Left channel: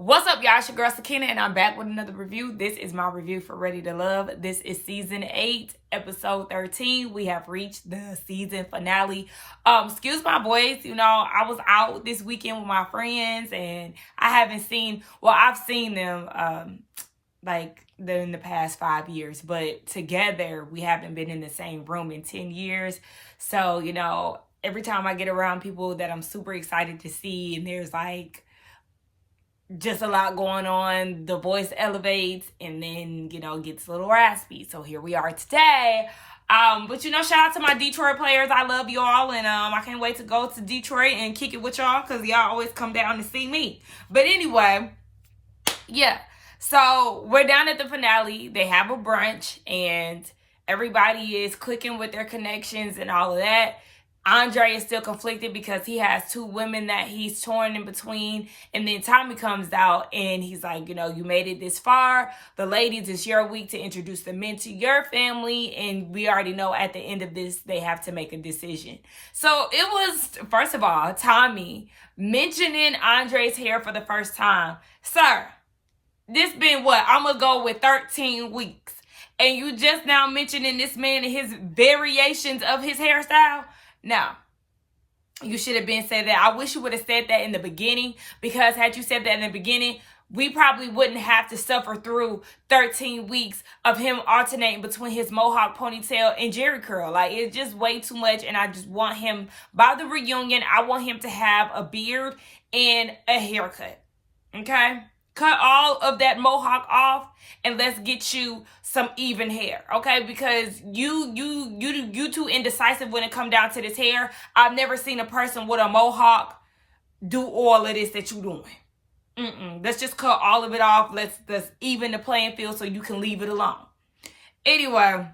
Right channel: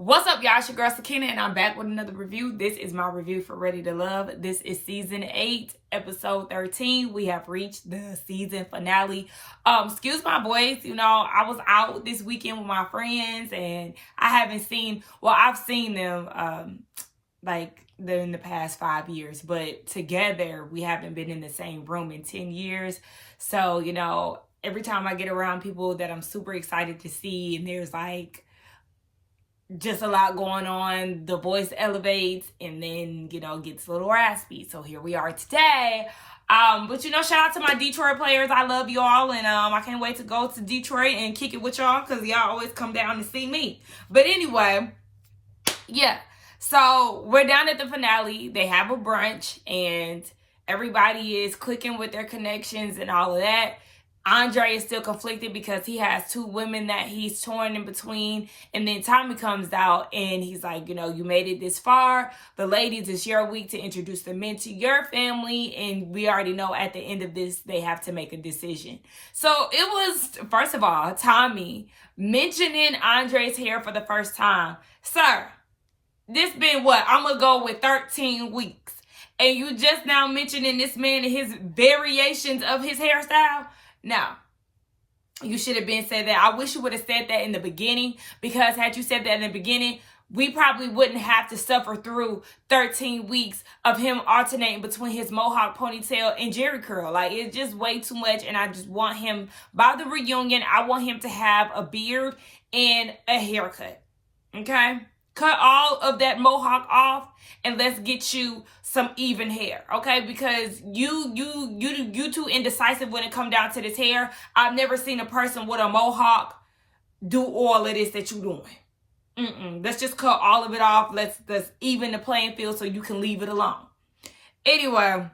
What's up, y'all? It's your girl Sakina, and I'm back with another review. This is my review for Ready to Love. This is season 8, episode 13. We have reached the season finale. Excuse my voice. You know, I was out this weekend with my friends, and I've seen them in the past 5 years, but together we haven't been in the same room in 10 years. So, you know, every time I get around people that I'm super excited to see, and there's like just a lot going on, the voice elevates and then, you know, gets a little raspy. So here we are today. But you know, shout out to my Detroit players. I love y'all, and I can't wait to go to Detroit and kick it with y'all because y'all always come down to see me. But anyway, yeah. So we're down at the finale. They have a brunch and everybody is clicking with their connections and all of that. Andre is still conflicted because he has 2 women that he's torn in between. And then Tommy comes out and he's like, you know, you made it this far. The ladies, it's your week to introduce the men to your family. And we already know at the end of this, they have to make a decision. So it was, first of all, Tommy mentioning Andre's hair for the first time. Sir, this been what? I'm going to go with 13 weeks. And you just now mentioning this man and his variations of his hairstyle? Now, you should have been said that. I wish you would have said that in the beginning, because had you said that in the beginning, we probably wouldn't have to suffer through 13 weeks of him alternating between his mohawk ponytail and jerry curl. Like, it's just way too much, and I just want him, by the reunion, I want him to have a beard and a haircut, okay? Cut all of that mohawk off, and let's get you some even hair, okay? Because you too indecisive when it come down to this hair. I've never seen a person with a mohawk do all of this that you doing. Let's just cut all of it off. Let's even the playing field so you can leave it alone. Anyway,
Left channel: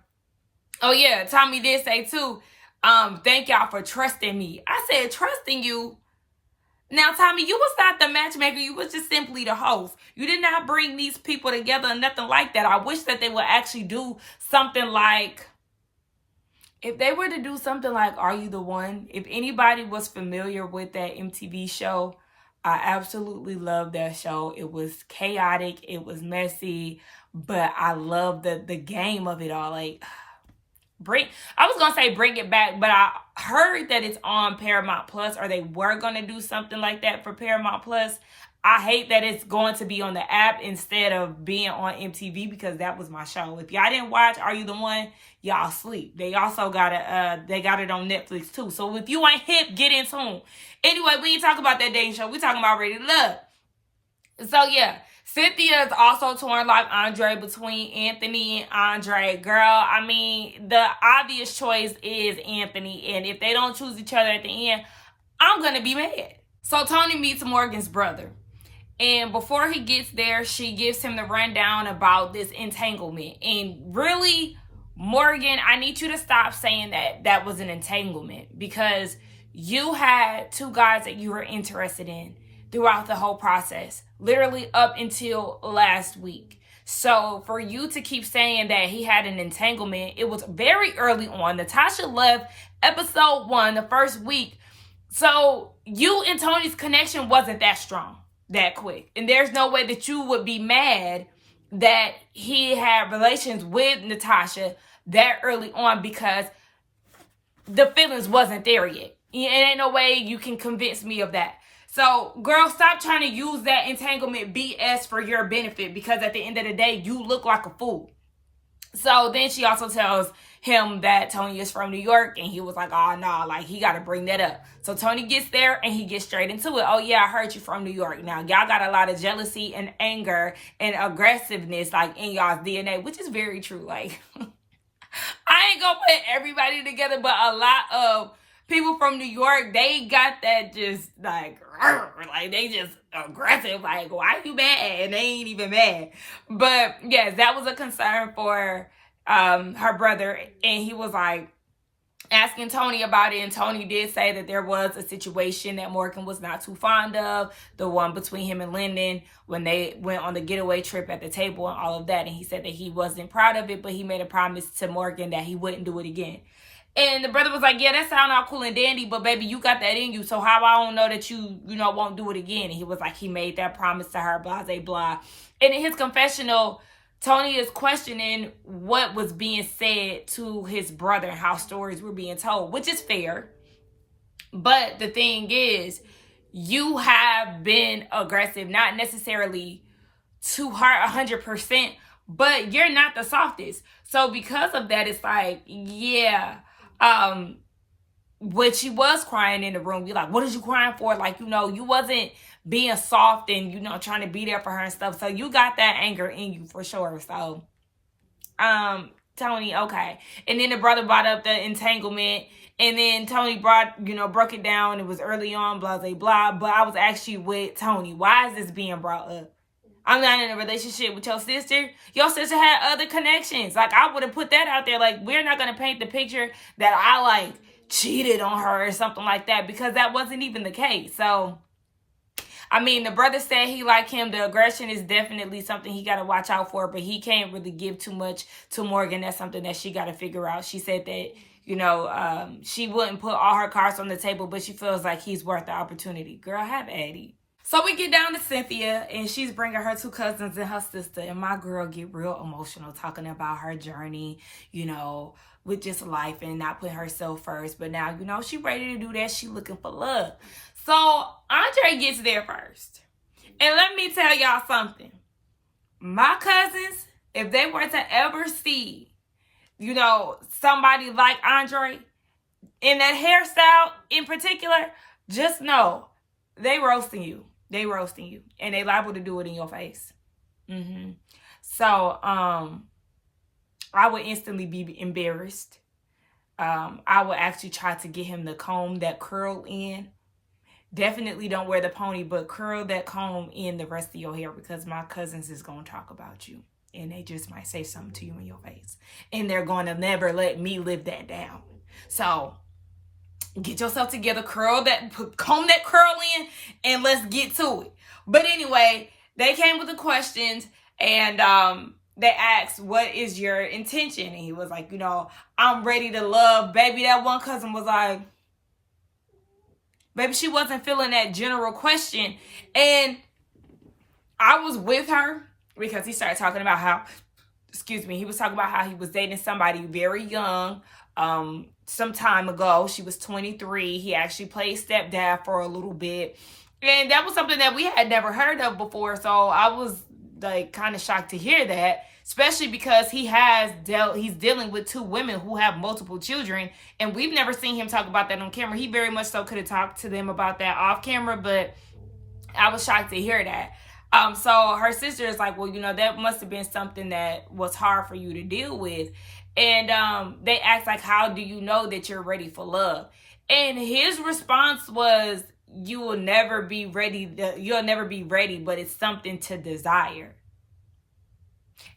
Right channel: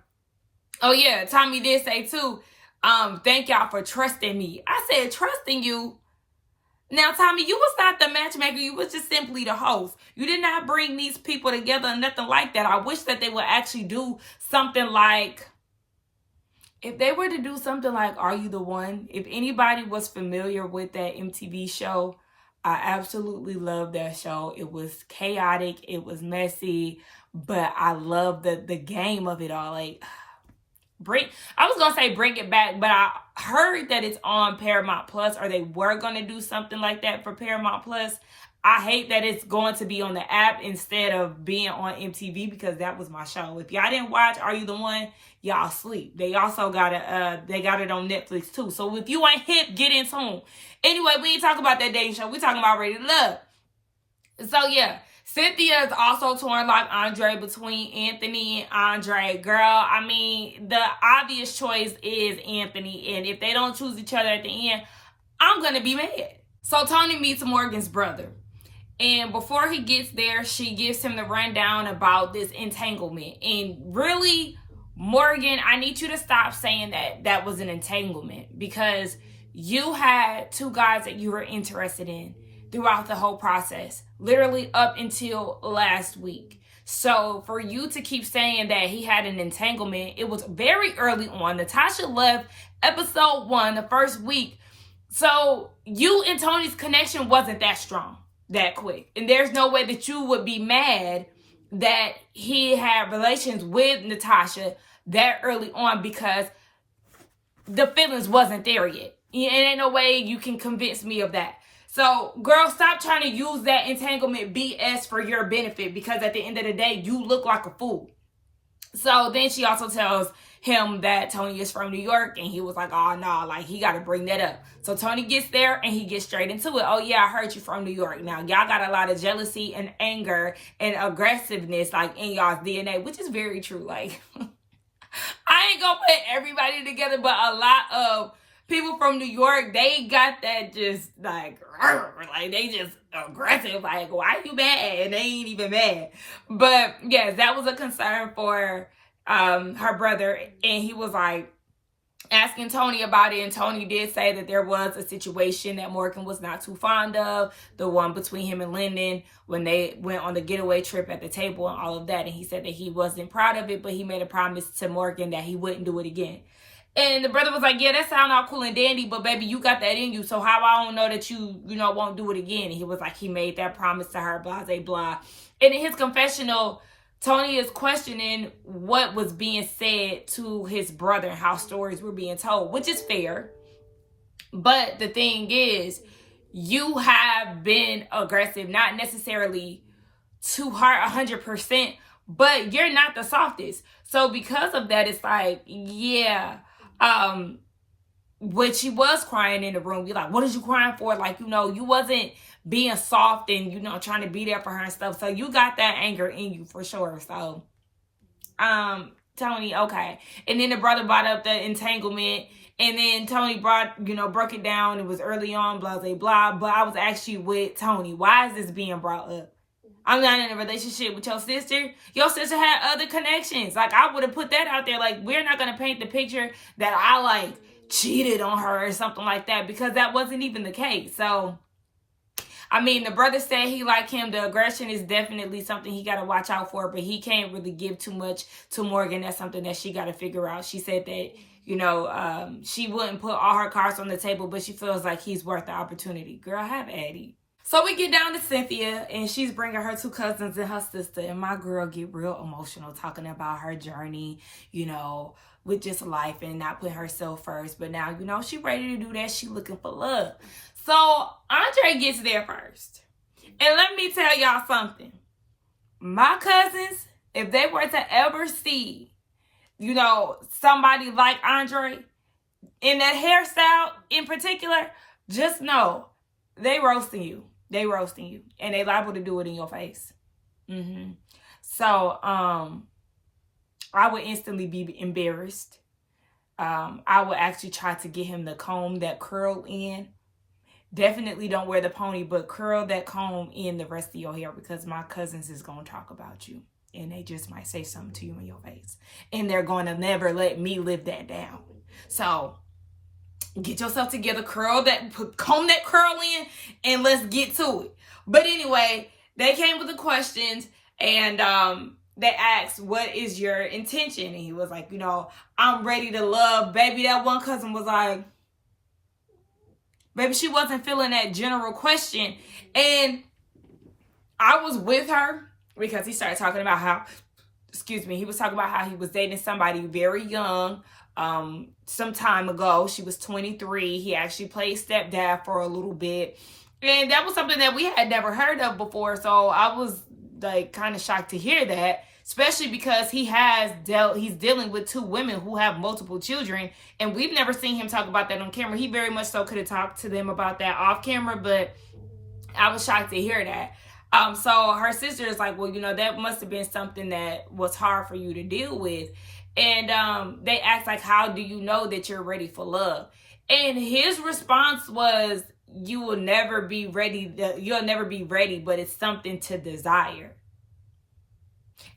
oh yeah, Tommy did say too, thank y'all for trusting me. I said, trusting you? Now, Tommy, you was not the matchmaker. You was just simply the host. You did not bring these people together and nothing like that. I wish that they would actually do something like, if they were to do something like Are You the One? If anybody was familiar with that MTV show, I absolutely loved that show. It was chaotic. It was messy. But I love the game of it all. Like, I was going to say bring it back, but I heard that it's on Paramount Plus, or they were going to do something like that for Paramount Plus. I hate that it's going to be on the app instead of being on MTV, because that was my show. If y'all didn't watch Are You the One, y'all sleep. They also got it on Netflix too. So if you ain't hip, get in tune. Anyway, we ain't talking about that dating show. We talking about Ready to Love. So yeah. Cynthia is also torn like Andre between Anthony and Andre. Girl, I mean, the obvious choice is Anthony. And if they don't choose each other at the end, I'm going to be mad. So Tony meets Morgan's brother. And before he gets there, she gives him the rundown about this entanglement. And really, Morgan, I need you to stop saying that was an entanglement, because you had 2 guys that you were interested in throughout the whole process, literally up until last week. So for you to keep saying that he had an entanglement, it was very early on. Natasha left episode 1, the first week. So you and Tony's connection wasn't that strong, that quick. And there's no way that you would be mad that he had relations with Natasha that early on, because the feelings wasn't there yet. And ain't no way you can convince me of that. So, girl, stop trying to use that entanglement BS for your benefit, because at the end of the day, you look like a fool. So then she also tells him that Tony is from New York, and he was like, oh, no, like, he got to bring that up. So Tony gets there, and he gets straight into it. Oh, yeah, I heard you from New York. Now, y'all got a lot of jealousy and anger and aggressiveness, like, in y'all's DNA, which is very true. Like, I ain't gonna put everybody together, but a lot of people from New York, they got that just like they just aggressive. Like, why you mad? And they ain't even mad. But yes, that was a concern for her brother. And he was like asking Tony about it. And Tony did say that there was a situation that Morgan was not too fond of, the one between him and Lyndon when they went on the getaway trip at the table and all of that. And he said that he wasn't proud of it, but he made a promise to Morgan that he wouldn't do it again. And the brother was like, yeah, that sound all cool and dandy, but baby, you got that in you. So how I don't know that you won't do it again? And he was like, he made that promise to her, blah, blah, blah. And in his confessional, Tony is questioning what was being said to his brother and how stories were being told, which is fair. But the thing is, you have been aggressive, not necessarily to her 100%, but you're not the softest. So because of that, it's like, yeah, when she was crying in the room, you're like, what is you crying for? Like, you wasn't being soft and, trying to be there for her and stuff. So you got that anger in you for sure. So, Tony, okay. And then the brother brought up the entanglement. And then Tony broke it down. It was early on, blah, blah, blah. But I was actually with Tony. Why is this being brought up? I'm not in a relationship with your sister. Your sister had other connections. Like, I would have put that out there. Like, we're not going to paint the picture that I, like, cheated on her or something like that, because that wasn't even the case. So, I mean, the brother said he liked him. The aggression is definitely something he got to watch out for, but he can't really give too much to Morgan. That's something that she got to figure out. She said that, she wouldn't put all her cards on the table, but she feels like he's worth the opportunity. Girl, have Addie. So we get down to Cynthia, and she's bringing her two cousins and her sister, and my girl get real emotional talking about her journey, with just life and not putting herself first. But now, she ready to do that. She looking for love. So Andre gets there first. And let me tell y'all something. My cousins, if they were to ever see, somebody like Andre in that hairstyle in particular, just know they roasting you. They roasting you. And they liable to do it in your face. So, I would instantly be embarrassed. I would actually try to get him to comb that curl in. Definitely don't wear the pony, but curl that comb in the rest of your hair, because my cousins is going to talk about you. And they just might say something to you in your face. And they're going to never let me live that down. So, get yourself together, comb that curl in, and let's get to it. But anyway, they came with the questions, and they asked, what is your intention? And he was like, I'm ready to love. Baby, that one cousin was like, baby, she wasn't feeling that general question. And I was with her because he started talking about how, he was talking about how he was dating somebody very young, some time ago. She was 23. He actually played stepdad for a little bit. And that was something that we had never heard of before. So I was like kind of shocked to hear that, especially because he's dealing with two women who have multiple children. And we've never seen him talk about that on camera. He very much so could have talked to them about that off camera, but I was shocked to hear that. So her sister is like, well, that must have been something that was hard for you to deal with. And they asked, like, how do you know that you're ready for love? And his response was, you'll never be ready, but it's something to desire.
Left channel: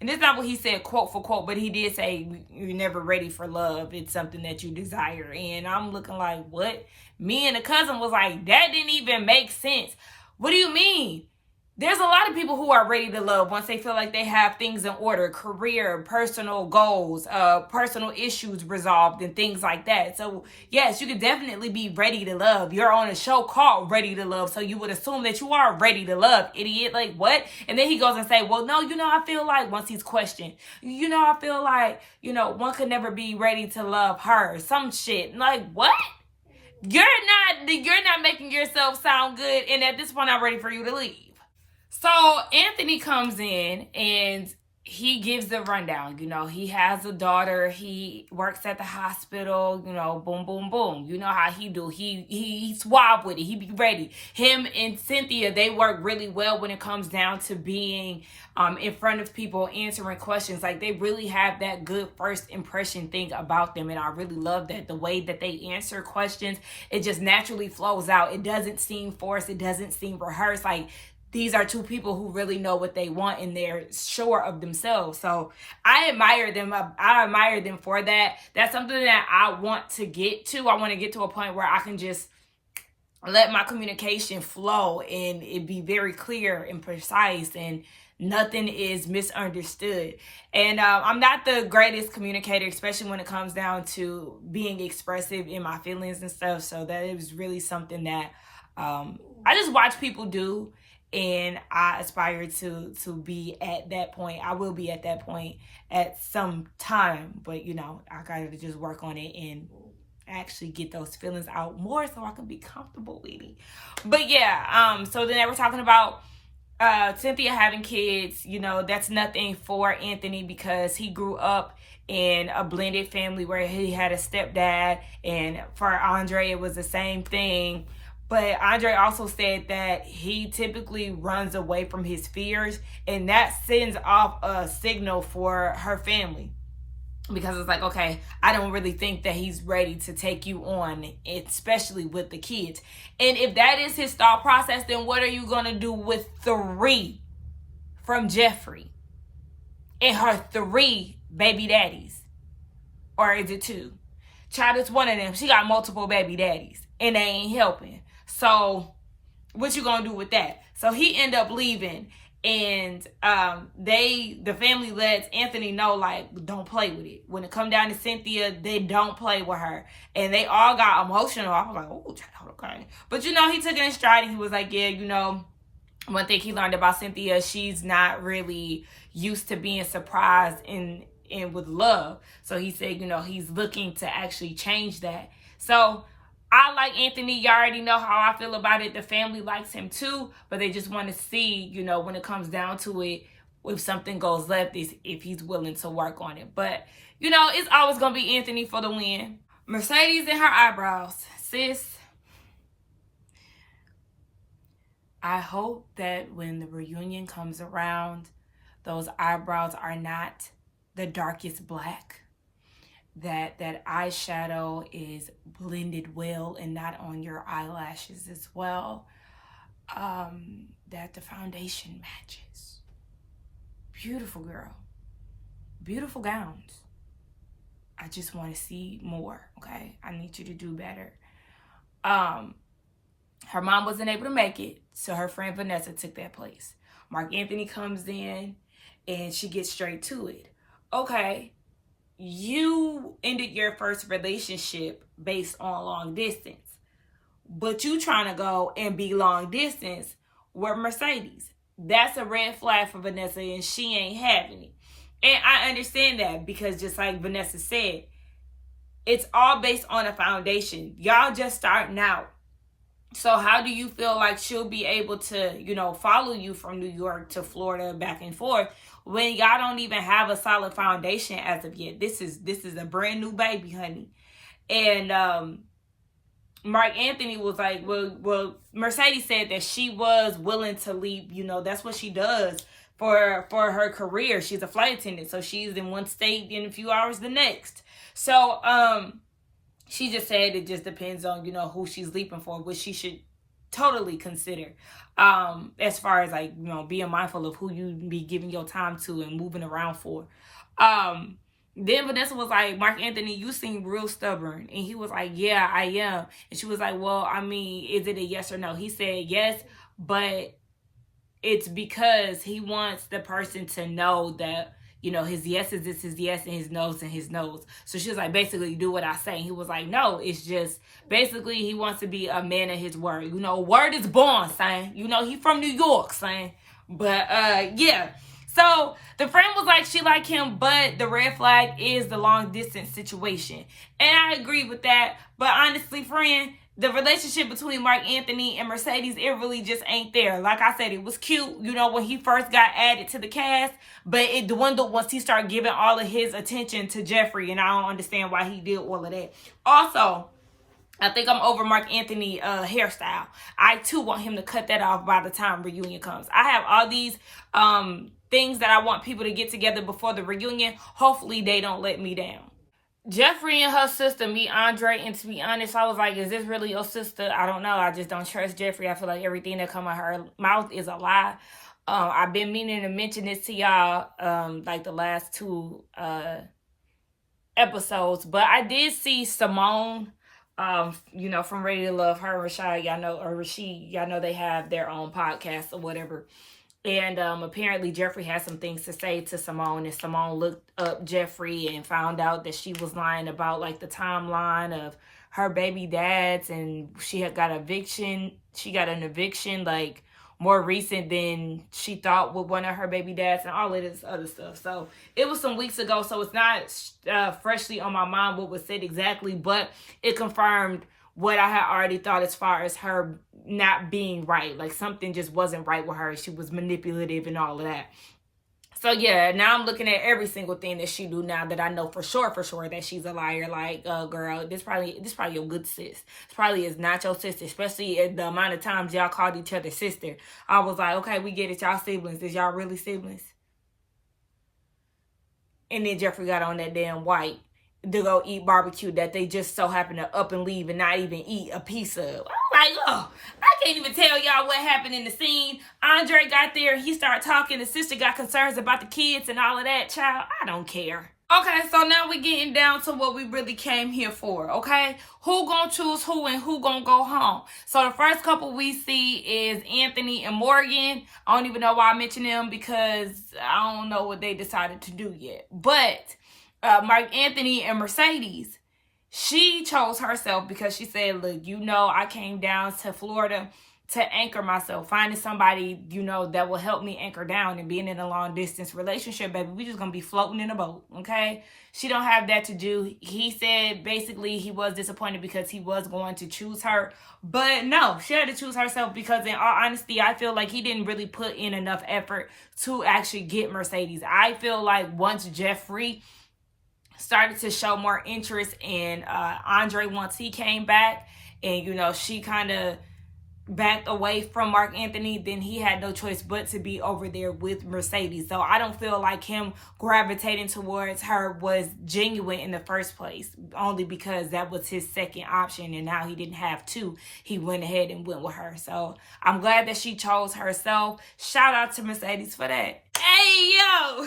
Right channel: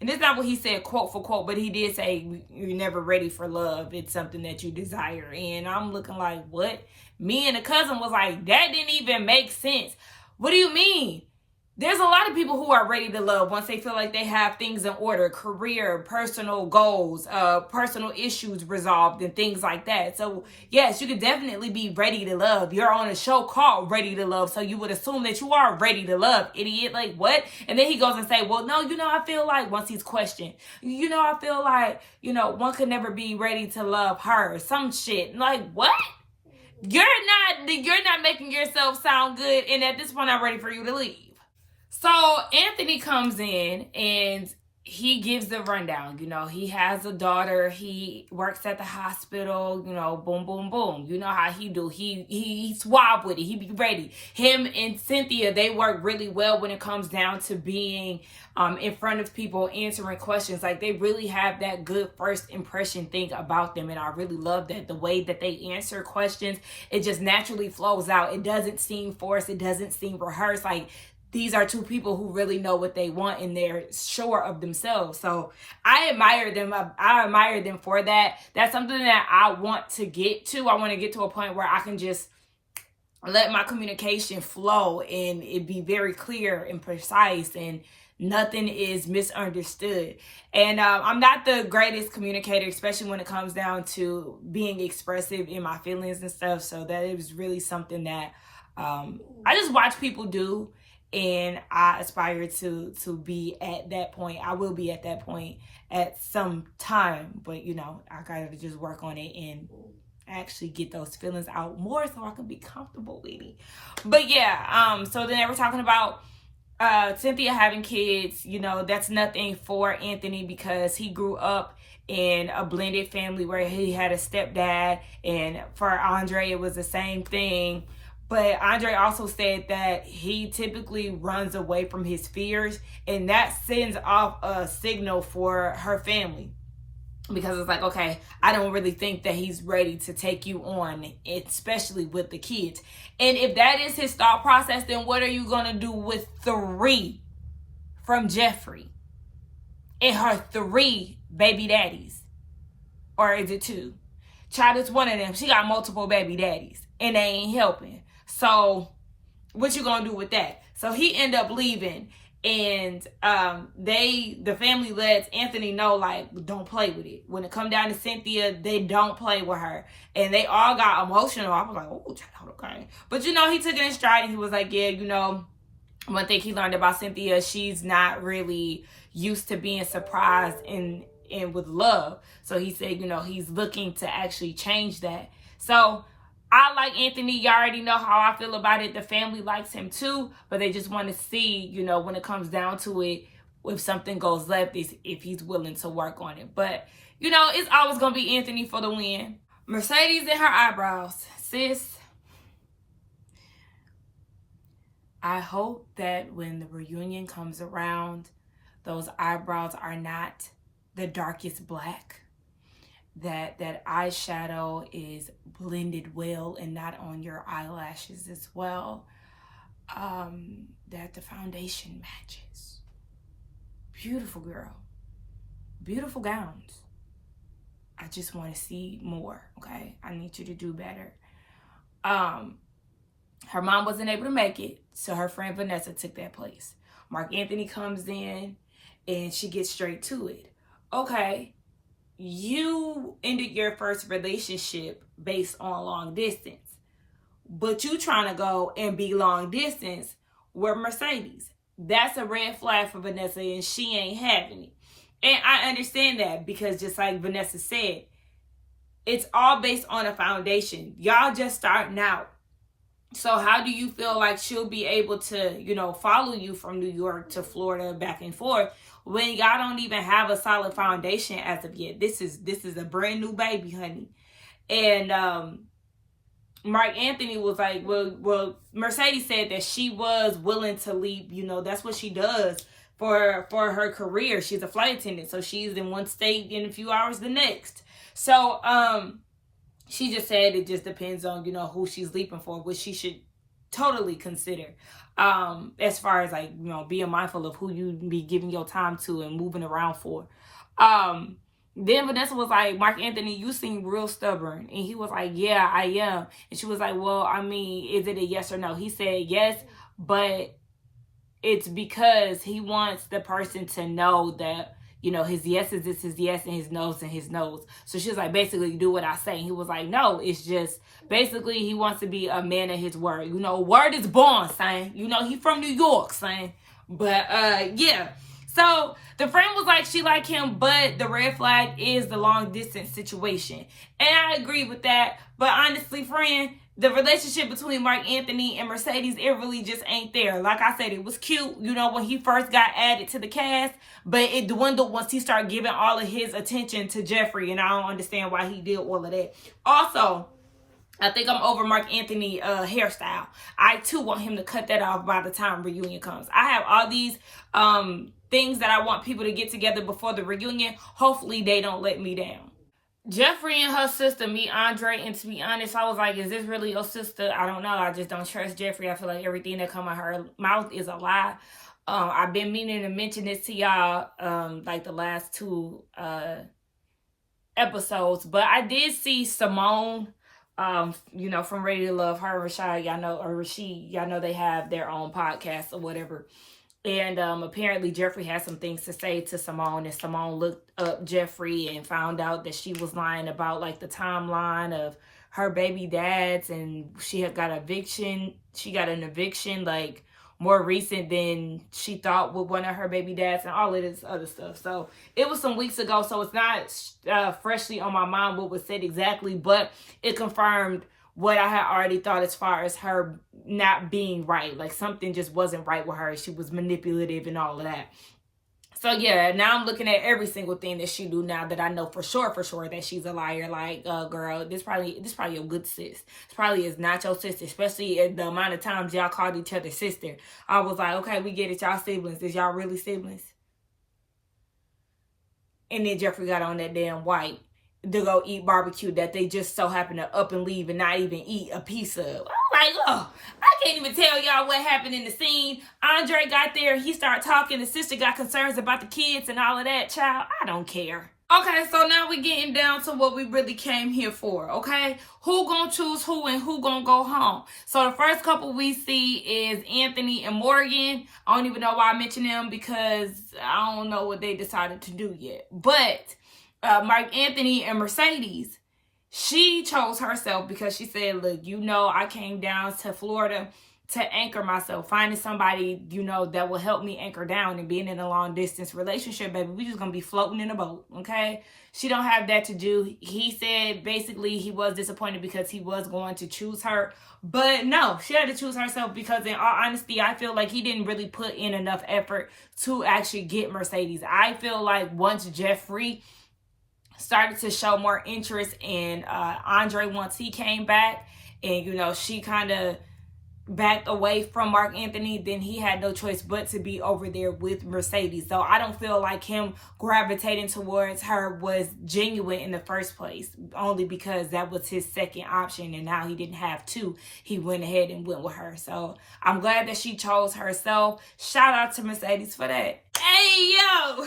And it's not what he said quote for quote, but he did say you're never ready for love. It's something that you desire. And I'm looking like, what? Me and the cousin was like, that didn't even make sense. What do you mean? There's a lot of people who are ready to love once they feel like they have things in order, career, personal goals, personal issues resolved, and things like that. So, yes, you could definitely be ready to love. You're on a show called Ready to Love, so you would assume that you are ready to love, idiot. Like, what? And then he goes and say, well, no, I feel like, once he's questioned, I feel like, one could never be ready to love her. Some shit. Like, what? You're not making yourself sound good, and at this point, I'm ready for you to leave. So Anthony comes in and he gives the rundown. He has a daughter. He works at the hospital. Boom, boom, boom. You know how he do. He suave with it. He be ready. Him and Cynthia, they work really well when it comes down to being in front of people, answering questions. Like, they really have that good first impression thing about them. And I really love that. The way that they answer questions, it just naturally flows out. It doesn't seem forced. It doesn't seem rehearsed. Like, these are two people who really know what they want and they're sure of themselves. So I admire them. I admire them for that. That's something that I want to get to. I want to get to a point where I can just let my communication flow and it be very clear and precise, and nothing is misunderstood. And I'm not the greatest communicator, especially when it comes down to being expressive in my feelings and stuff. So that is really something that I just watch people do, and I aspire to be at that point. I will be at that point at some time, but I gotta just work on it and actually get those feelings out more so I can be comfortable with it. But yeah, so then they were talking about Cynthia having kids. That's nothing for Anthony because he grew up in a blended family where he had a stepdad, and for Andre it was the same thing. But Andre also said that he typically runs away from his fears, and that sends off a signal for her family, because it's like, okay, I don't really think that he's ready to take you on, especially with the kids. And if that is his thought process, then what are you going to do with 3 from Jeffrey and her 3 baby daddies? Or is it 2? Child, it's one of them. She got multiple baby daddies and they ain't helping. So what you going to do with that? So he end up leaving. And the family lets Anthony know, like, don't play with it. When it come down to Cynthia, they don't play with her. And they all got emotional. I was like, oh, child, okay. But, he took it in stride, and he was like, yeah, one thing he learned about Cynthia, she's not really used to being surprised and with love. So he said, he's looking to actually change that. So I like Anthony. You already know how I feel about it. The family likes him too, but they just want to see, when it comes down to it, if something goes left, if he's willing to work on it. But, it's always going to be Anthony for the win. Mercedes and her eyebrows. Sis, I hope that when the reunion comes around, those eyebrows are not the darkest black. That eyeshadow is blended well and not on your eyelashes as well. That the foundation matches. Beautiful girl. Beautiful gowns. I just want to see more, okay? I need you to do better. Her mom wasn't able to make it, so her friend Vanessa took that place. Mark Anthony comes in and she gets straight to it. Okay. You ended your first relationship based on long distance, but you trying to go and be long distance with Mercedes. That's a red flag for Vanessa, and she ain't having it. And I understand that, because just like Vanessa said, it's all based on a foundation. Y'all just starting out. So how do you feel like she'll be able to, follow you from New York to Florida back and forth when y'all don't even have a solid foundation as of yet? This is a brand new baby, honey. And Mark Anthony was like, well, Mercedes said that she was willing to leave. That's what she does for her career. She's a flight attendant, so she's in one state in a few hours the next. So she just said it just depends on, who she's leaping for, which she should totally consider. As far as like, being mindful of who you be giving your time to and moving around for. Then Vanessa was like, Mark Anthony, you seem real stubborn. And he was like, yeah, I am. And she was like, well, I mean, is it a yes or no? He said yes, but it's because he wants the person to know that, his yes is his yes and his no's and his no's. So she was like, basically, do what I say. And he was like, no, it's just basically he wants to be a man of his word. Word is born, son. He from New York, son. But yeah. So the friend was like, she like him, but the red flag is the long distance situation. And I agree with that. But honestly, friend, the relationship between Mark Anthony and Mercedes, it really just ain't there. Like I said, it was cute, when he first got added to the cast, but it dwindled once he started giving all of his attention to Jeffrey, and I don't understand why he did all of that. Also, I think I'm over Mark Anthony hairstyle. I too want him to cut that off by the time reunion comes. I have all these things that I want people to get together before the reunion. Hopefully they don't let me down. Jeffrey and her sister meet Andre, and to be honest, I was like, is this really your sister? I don't know. I just don't trust Jeffrey. I feel like everything that come out her mouth is a lie. I've been meaning to mention this to y'all like the last 2 episodes, but I did see Simone from Ready to Love, her and Rashad, y'all know, or Rashid, y'all know they have their own podcast or whatever. And apparently Jeffree had some things to say to Simone, and Simone looked up Jeffree and found out that she was lying about like the timeline of her baby dads, and she had got eviction. She got an eviction like more recent than she thought with one of her baby dads and all of this other stuff. So it was some weeks ago, so it's not freshly on my mind what was said exactly, but it confirmed what I had already thought as far as her not being right. Like something just wasn't right with her. She was manipulative and all of that. So yeah, now I'm looking at every single thing that she do now that I know for sure that she's a liar. Like, girl, this probably your good sis. This probably is not your sister, especially at the amount of times y'all called each other sister. I was like, okay, we get it, y'all siblings. Is y'all really siblings? And then Jeffree got on that damn white to go eat barbecue that they just so happen to up and leave and not even eat a piece of. I'm like, oh, I can't even tell y'all what happened in the scene. Andre got there, he started talking, the sister got concerns about the kids and all of that. Child, I don't care. Okay, so now we're getting down to what we really came here for, okay? Who gonna choose who and who gonna go home? So the first couple we see is Anthony and Morgan. I don't even know why I mentioned them because I don't know what they decided to do yet. But Mark Anthony and Mercedes, she chose herself because she said, look, I came down to Florida to anchor myself, finding somebody, that will help me anchor down, and being in a long distance relationship, baby, we just gonna be floating in a boat, okay? She don't have that to do. He said basically he was disappointed because he was going to choose her, but no, she had to choose herself because in all honesty, I feel like he didn't really put in enough effort to actually get Mercedes. I feel like once Jeffree started to show more interest in Andre once he came back, and she kind of backed away from Mark Anthony, then he had no choice but to be over there with Mercedes. So I don't feel like him gravitating towards her was genuine in the first place, only because that was his second option, and now he didn't have two. He went ahead and went with her. So I'm glad that she chose herself. Shout out to Mercedes for that. Hey, yo!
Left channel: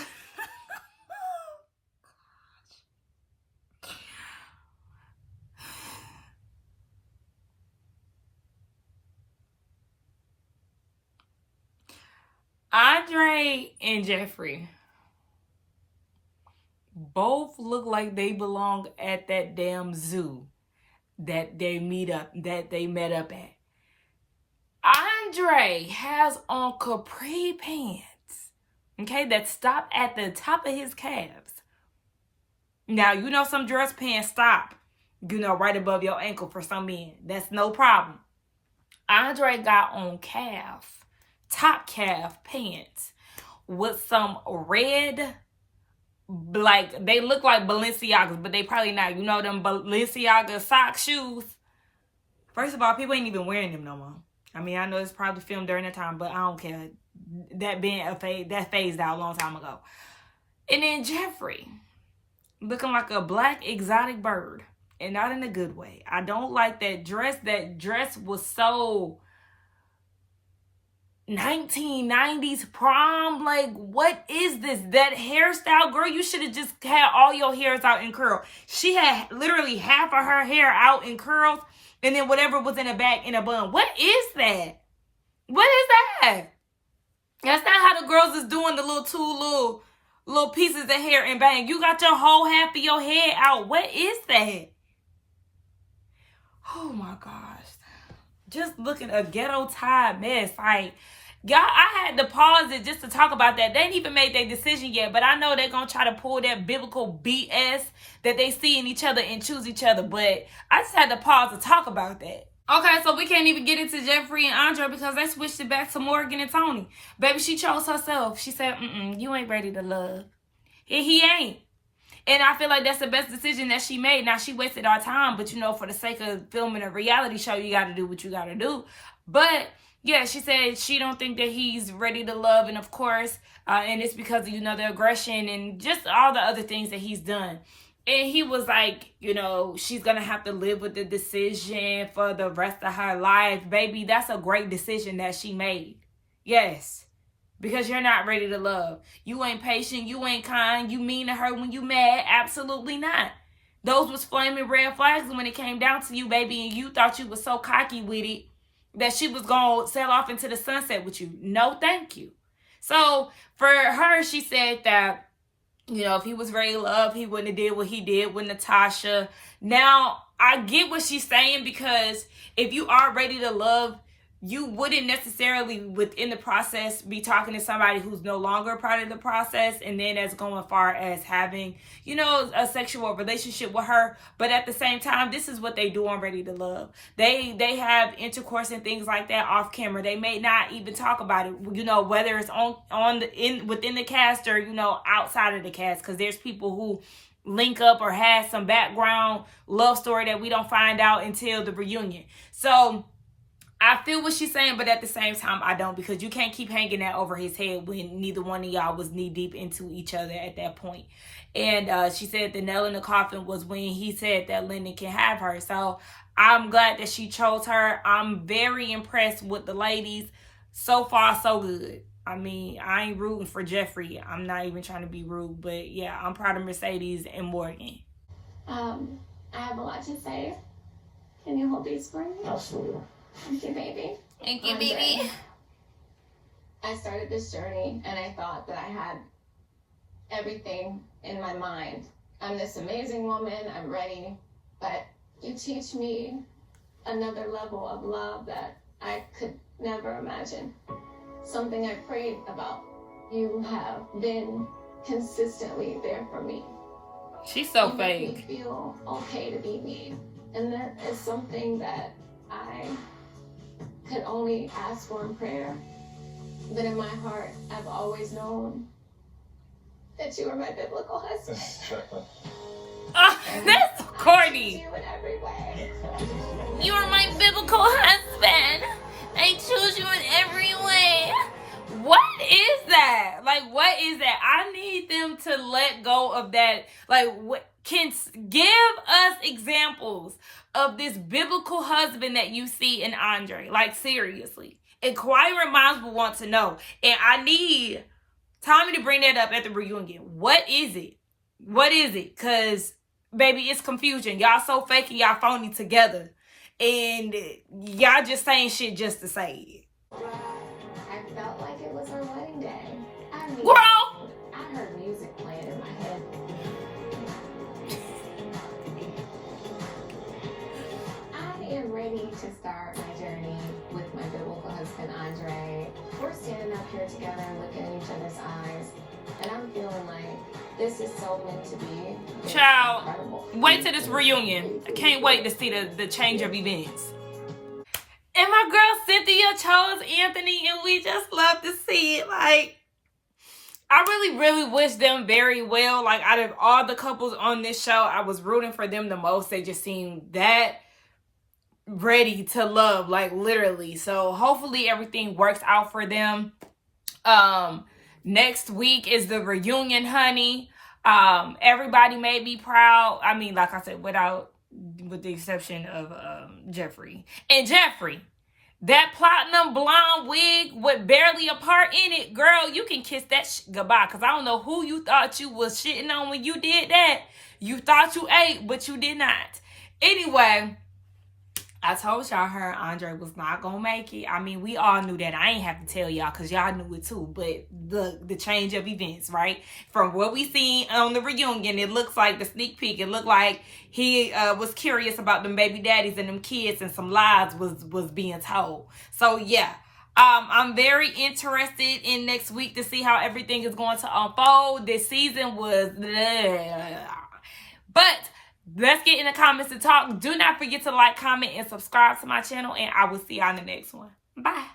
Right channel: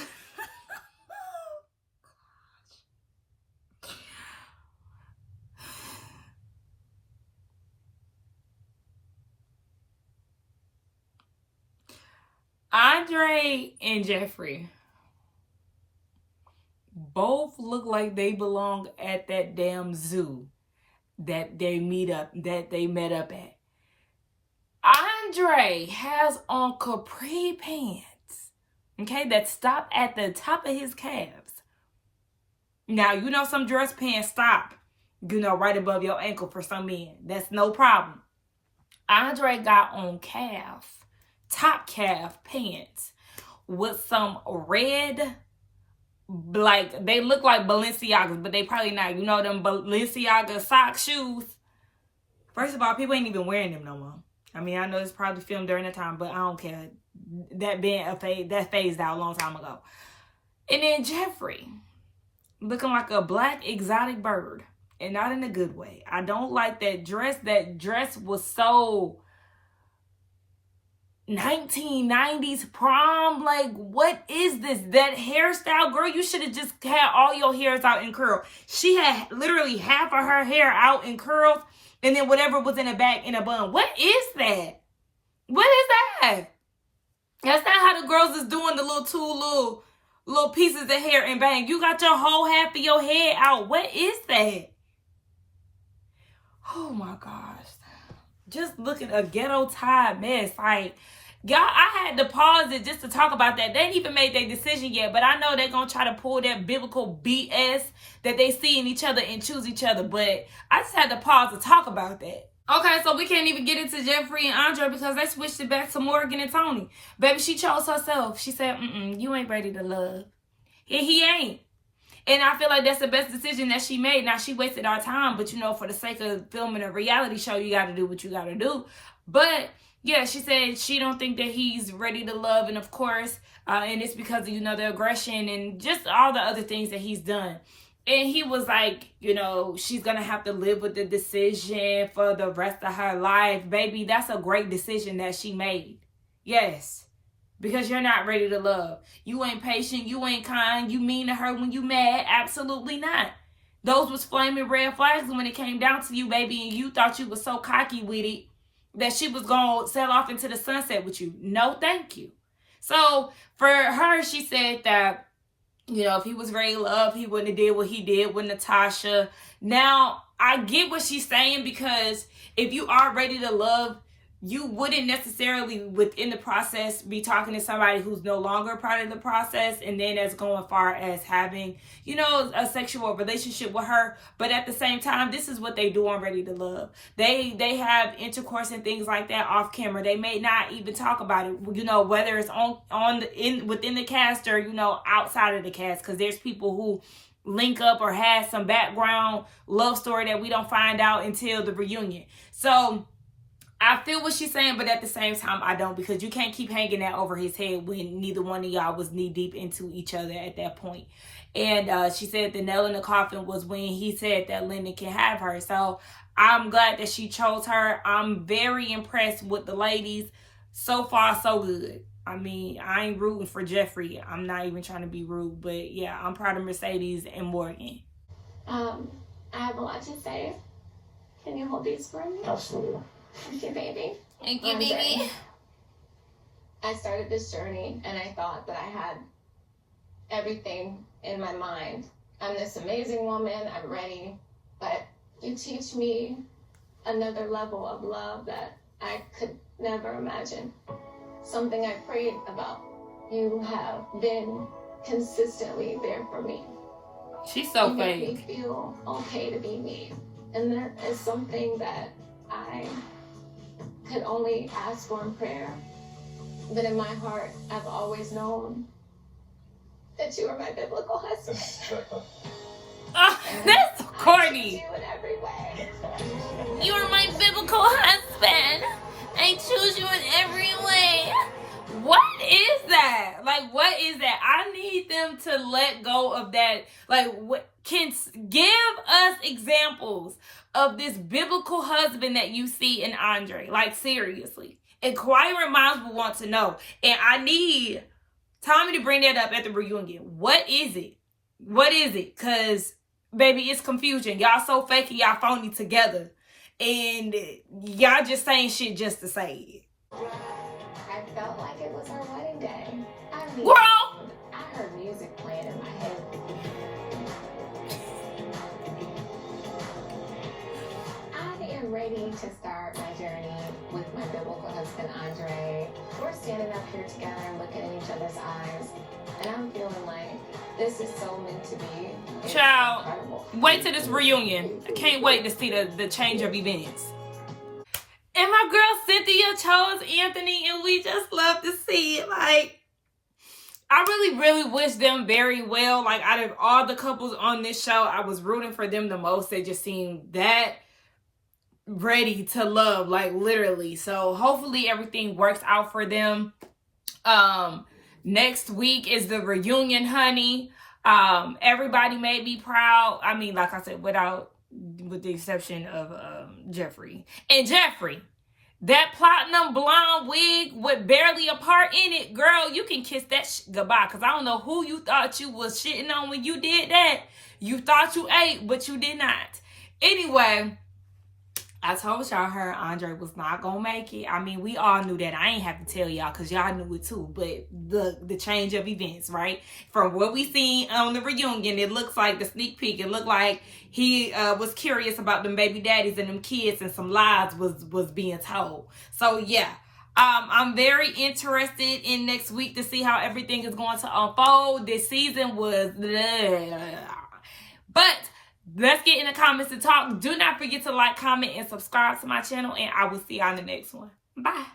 Andre and Jeffree both look like they belong at that damn zoo that they met up at. Andre has on capri pants, okay, that stop at the top of his calves. Now, some dress pants stop, right above your ankle for some men. That's no problem. Andre got on top calf pants with some red, like they look like Balenciagas, but they probably not. Them Balenciaga sock shoes. First of all, people ain't even wearing them no more. I mean, I know it's probably filmed during the time, but I don't care. That being that phased out a long time ago. And then Jeffree looking like a black exotic bird, and not in a good way. I don't like that dress. That dress was so 1990s prom. Like, what is this? That hairstyle, girl, you should have just had all your hairs out in curl. She had literally half of her hair out in curls, and then whatever was in the back in a bun. What is that? What is that? That's not how the girls is doing the little pieces of hair and bang. You got your whole half of your head out. What is that? Oh my gosh. Just looking a ghetto tie mess. Like, y'all, I had to pause it just to talk about that. They ain't even made their decision yet, but I know they're going to try to pull that biblical BS that they see in each other and choose each other. But I just had to pause to talk about that. Okay, so we can't even get into Jeffree and Andre because they switched it back to Morgan and Tony. Baby, she chose herself. She said, you ain't ready to love. And he ain't. And I feel like that's the best decision that she made. Now, she wasted our time, but, for the sake of filming a reality show, you got to do what you got to do. But, yeah, she said she don't think that he's ready to love. And, of course, and it's because of, the aggression and just all the other things that he's done. And he was like, she's going to have to live with the decision for the rest of her life. Baby, that's a great decision that she made. Yes. Because you're not ready to love. You ain't patient. You ain't kind. You mean to her when you mad. Absolutely not. Those was flaming red flags when it came down to you, baby, and you thought you was so cocky with it that she was going to sail off into the sunset with you. No, thank you. So for her, she said that, you know, if he was ready to love, he wouldn't have did what he did with Natasha. Now, I get what she's saying, because if you are ready to love, you wouldn't necessarily within the process be talking to somebody who's no longer part of the process, and then as going far as having, you know, a sexual relationship with her. But at the same time, this is what they do on Ready to Love. They have intercourse and things like that off camera. They may not even talk about it, you know, whether it's within the cast or, you know, outside of the cast, because there's people who link up or have some background love story that we don't find out until the reunion. So I feel what she's saying, but at the same time, I don't, because you can't keep hanging that over his head when neither one of y'all was knee deep into each other at that point. And she said the nail in the coffin was when he said that Lyndon can have her. So I'm glad that she chose her. I'm very impressed with the ladies. So far, so good. I mean, I ain't rooting for Jeffrey. I'm not even trying to be rude, but yeah, I'm proud of Mercedes and Morgan. I have a lot to say. Can you hold these for me? Absolutely. Thank you, baby. Thank you, baby. I started this journey and I thought that I had everything in my mind. I'm this amazing woman, I'm ready, but you teach me another level of love that I could never imagine. Something I prayed about. You have been consistently there for me. She's so you fake. make me feel okay to be me. And that is something that I could only ask for in prayer. But in my heart, I've always known that you are my biblical husband. That's corny. You in every way. You are my biblical husband. I choose you in every way. What is that? Like, what is that? I need them to let go of that. Like, what can give us examples of this biblical husband that you see in Andre? Like, seriously. Inquiring minds will want to know. And I need Tommy to bring that up at the reunion. What is it? What is it? Because, baby, it's confusion. Y'all so fake and y'all phony together. And y'all just saying shit just to say it. I felt like it was our wedding day. I mean, Girl! I heard music playing in my head. I am ready to start my journey with my biblical husband, Andre. We're standing up here together, looking in each other's eyes, and I'm feeling like this is so meant to be. Child, Incredible. wait till this reunion. I can't wait to see the change of events. And my girl Cynthia chose Anthony, and we just love to see it. Like, I really, really wish them very well. Like, out of all the couples on this show, I was rooting for them the most. They just seemed that ready to love, like, literally. So hopefully everything works out for them. Next week is the reunion, honey. Everybody made me proud. I mean, like I said, with the exception of Jeffrey. And Jeffrey, that platinum blonde wig with barely a part in it, girl, you can kiss that goodbye. Because I don't know who you thought you was shitting on when you did that. You thought you ate, but you did not. Anyway, I told y'all her Andre was not gonna make it. I mean, we all knew that. I ain't have to tell y'all because y'all knew it too. But the change of events, right? From what we seen on the reunion, it looks like the sneak peek. It looked like he was curious about them baby daddies and them kids, and some lies was being told. So yeah, I'm very interested in next week to see how everything is going to unfold. This season was, but let's get in the comments to talk. Do not forget to like, comment, and subscribe to my channel, and I will see y'all in the next one. Bye.